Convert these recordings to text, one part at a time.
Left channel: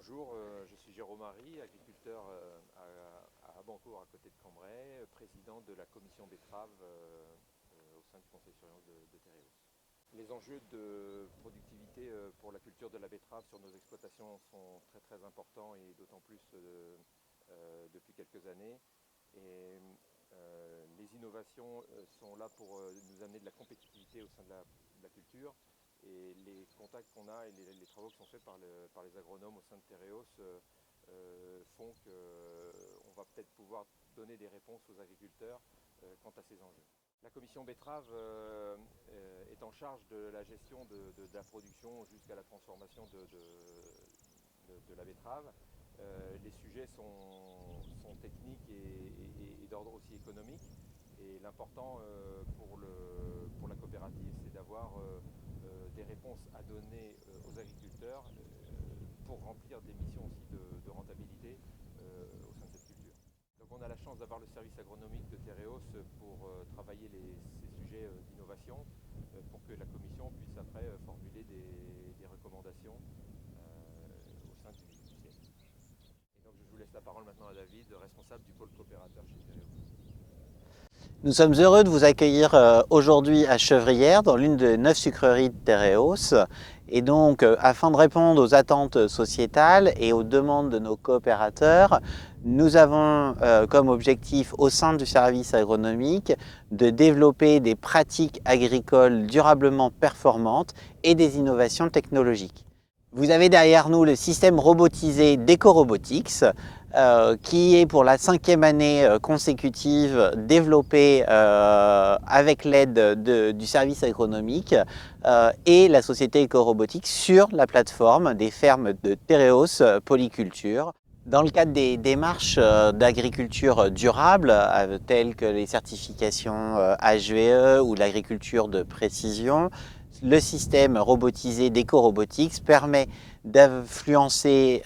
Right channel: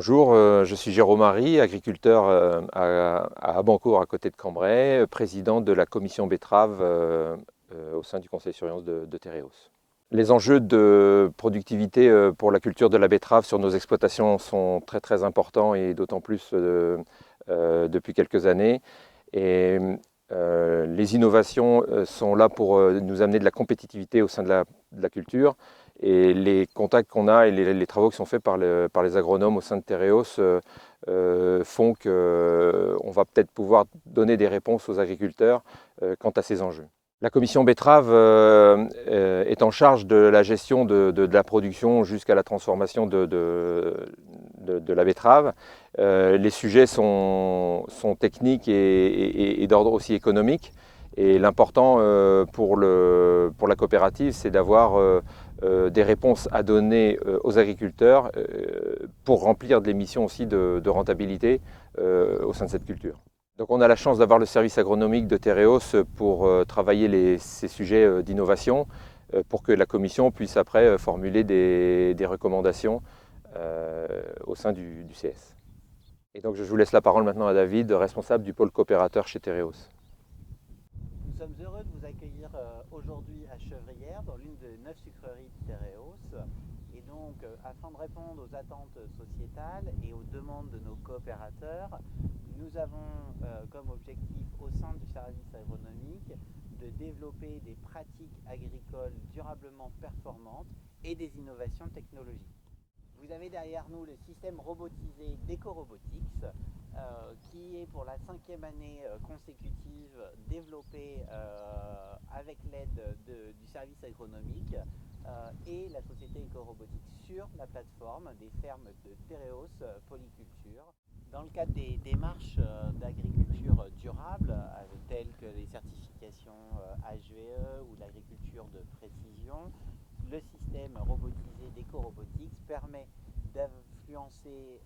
Bonjour, je suis Jérôme Marie, agriculteur à Abancourt, à côté de Cambrai, président de la commission betterave au sein du conseil de surveillance de Tereos. Les enjeux de productivité pour la culture de la betterave sur nos exploitations sont très importants et d'autant plus depuis quelques années. Et les innovations sont là pour nous amener de la compétitivité au sein de la culture. Et les contacts qu'on a et les travaux qui sont faits par les agronomes au sein de Tereos font qu'on va peut-être pouvoir donner des réponses aux agriculteurs quant à ces enjeux. La commission betterave est en charge de la gestion de la production jusqu'à la transformation de la betterave. Les sujets sont techniques et d'ordre aussi économique. Et l'important pour la coopérative, c'est d'avoir des réponses à donner aux agriculteurs pour remplir des missions aussi de rentabilité au sein de cette culture. Donc on a la chance d'avoir le service agronomique de Tereos pour travailler ces sujets d'innovation pour que la commission puisse après formuler des recommandations au sein du CS. Et donc je vous laisse la parole maintenant à David, responsable du pôle coopérateur chez Tereos. Nous sommes heureux de vous accueillir aujourd'hui à Chevrières, dans l'une des 9 sucreries de Tereos. Et donc, afin de répondre aux attentes sociétales et aux demandes de nos coopérateurs, nous avons comme objectif au sein du service agronomique de développer des pratiques agricoles durablement performantes et des innovations technologiques. Vous avez derrière nous le système robotisé d'EcoRobotics, qui est pour la 5e année consécutive développé avec l'aide du service agronomique et la société EcoRobotics sur la plateforme des fermes de Tereos Polyculture. Dans le cadre des démarches d'agriculture durable, telles que les certifications HVE ou l'agriculture de précision, le système robotisé d'EcoRobotics permet d'influencer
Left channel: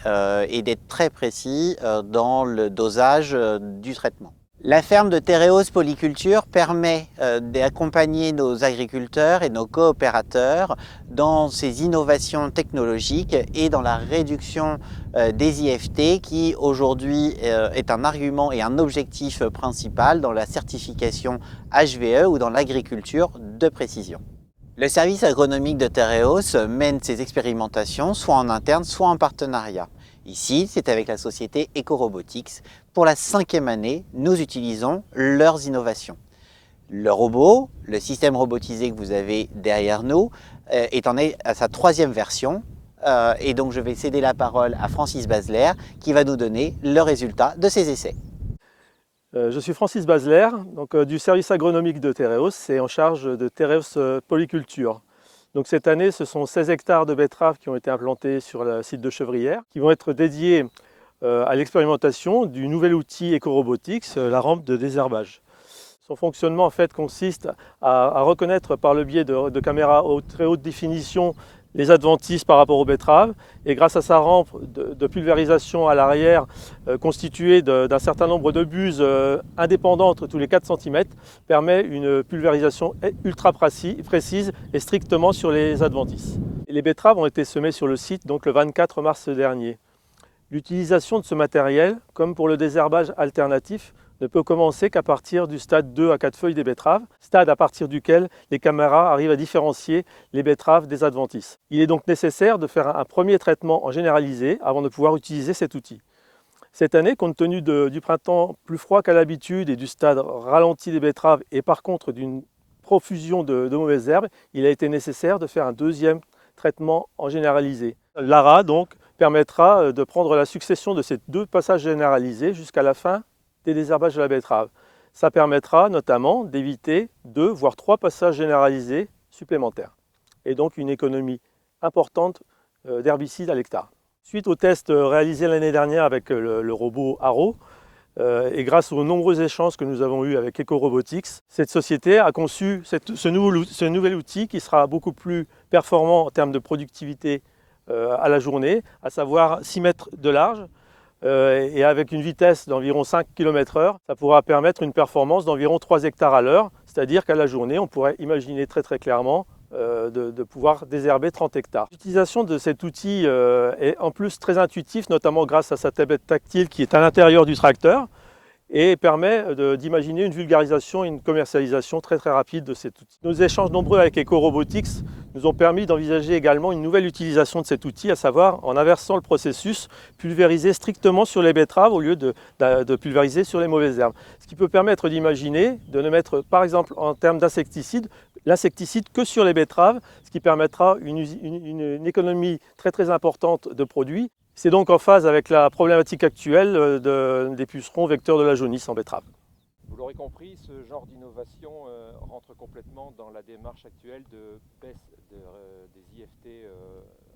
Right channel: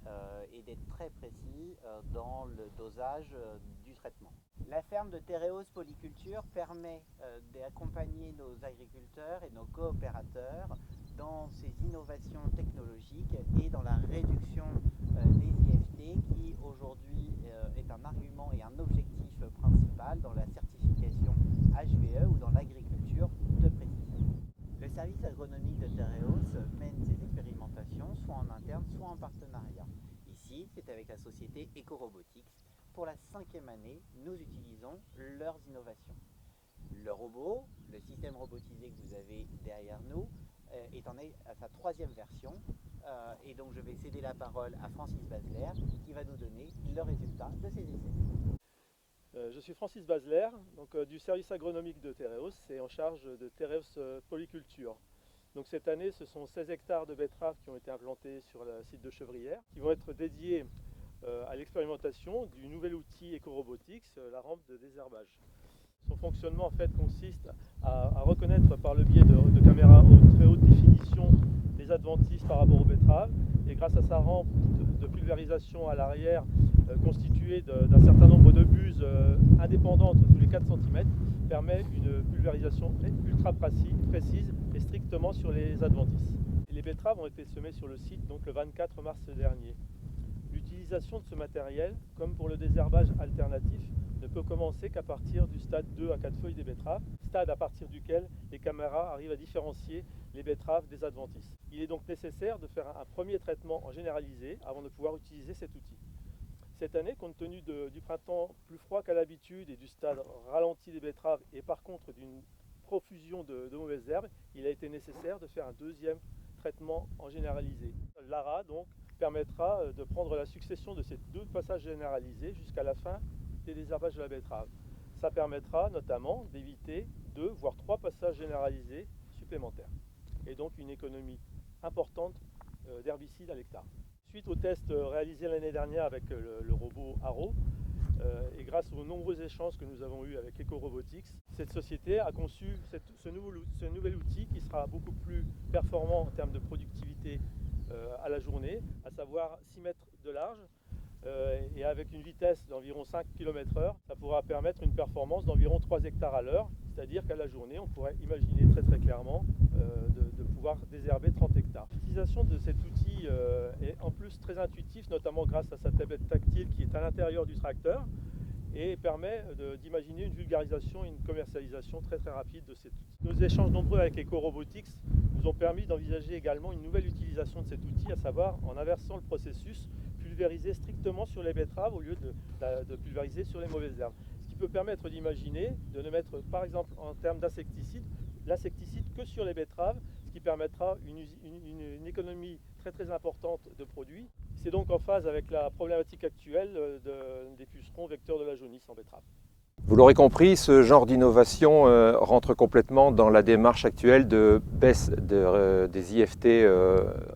et d'être très précis dans le dosage du traitement. La ferme de Tereos Polyculture permet d'accompagner nos agriculteurs et nos coopérateurs dans ces innovations technologiques et dans la réduction des IFT qui aujourd'hui est un argument et un objectif principal dans la certification HVE ou dans l'agriculture de précision. Le service agronomique de Tereos mène ses expérimentations soit en interne, soit en partenariat. Ici, c'est avec la société EcoRobotics. Pour la 5e année, nous utilisons leurs innovations. Le robot, le système robotisé que vous avez derrière nous, est à sa 3e version. Et donc, je vais céder la parole à Francis Basler qui va nous donner le résultat de ses essais. Je suis Francis Basler, donc, du service agronomique de Tereos et en charge de Tereos Polyculture. Donc, cette année, ce sont 16 hectares de betteraves qui ont été implantés sur le site de Chevrières, qui vont être dédiés à l'expérimentation du nouvel outil EcoRobotics, la rampe de désherbage. Son fonctionnement en fait consiste à reconnaître par le biais de caméras très haute définition les adventices par rapport aux betteraves, et grâce à sa rampe de pulvérisation à l'arrière constituée d'un certain nombre de buses indépendantes tous les 4 cm, permet une pulvérisation ultra précise et strictement sur les adventices. Et les betteraves ont été semées sur le site donc le 24 mars dernier. L'utilisation de ce matériel, comme pour le désherbage alternatif, ne peut commencer qu'à partir du stade 2 à 4 feuilles des betteraves, stade à partir duquel les caméras arrivent à différencier les betteraves des adventices. Il est donc nécessaire de faire un premier traitement en généralisé avant de pouvoir utiliser cet outil. Cette année, compte tenu du printemps plus froid qu'à l'habitude et du stade ralenti des betteraves et par contre d'une profusion de mauvaises herbes, il a été nécessaire de faire un 2e traitement en généralisé. L'ARA donc permettra de prendre la succession de ces 2 passages généralisés jusqu'à la fin des désherbages de la betterave. Ça permettra notamment d'éviter 2 voire 3 passages généralisés supplémentaires et donc une économie importante d'herbicides à l'hectare. Suite aux tests réalisés l'année dernière avec le robot Arrow et grâce aux nombreux échanges que nous avons eus avec EcoRobotics, cette société a conçu ce nouvel outil qui sera beaucoup plus performant en termes de productivité à la journée, à savoir 6 mètres de large, et avec une vitesse d'environ 5 km/h, ça pourra permettre une performance d'environ 3 hectares à l'heure, C'est-à-dire qu'à la journée, on pourrait imaginer très clairement de pouvoir désherber 30 hectares. L'utilisation de cet outil est en plus très intuitif, notamment grâce à sa tablette tactile qui est à l'intérieur du tracteur et permet d'imaginer une vulgarisation et une commercialisation très rapide de cet outil. Nos échanges nombreux avec EcoRobotics nous ont permis d'envisager également une nouvelle utilisation de cet outil, à savoir en inversant le processus, pulvériser strictement sur les betteraves au lieu de pulvériser sur les mauvaises herbes. Ce qui peut permettre d'imaginer de ne mettre, par exemple en termes d'insecticides, l'insecticide que sur les betteraves, ce qui permettra une économie très importante de produits. C'est donc en phase avec la problématique actuelle des pucerons vecteurs de la jaunisse en betterave. Vous l'aurez compris, ce genre d'innovation rentre complètement dans la démarche actuelle de baisse des IFT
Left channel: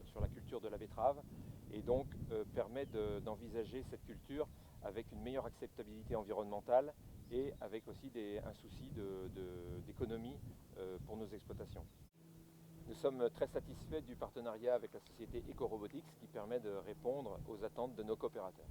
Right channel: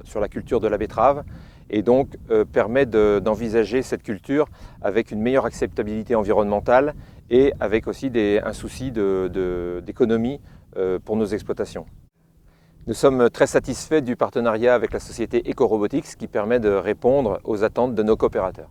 sur la culture de la betterave et donc permet d'envisager cette culture avec une meilleure acceptabilité environnementale et avec aussi un souci d'économie pour nos exploitations. Nous sommes très satisfaits du partenariat avec la société EcoRobotics qui permet de répondre aux attentes de nos coopérateurs.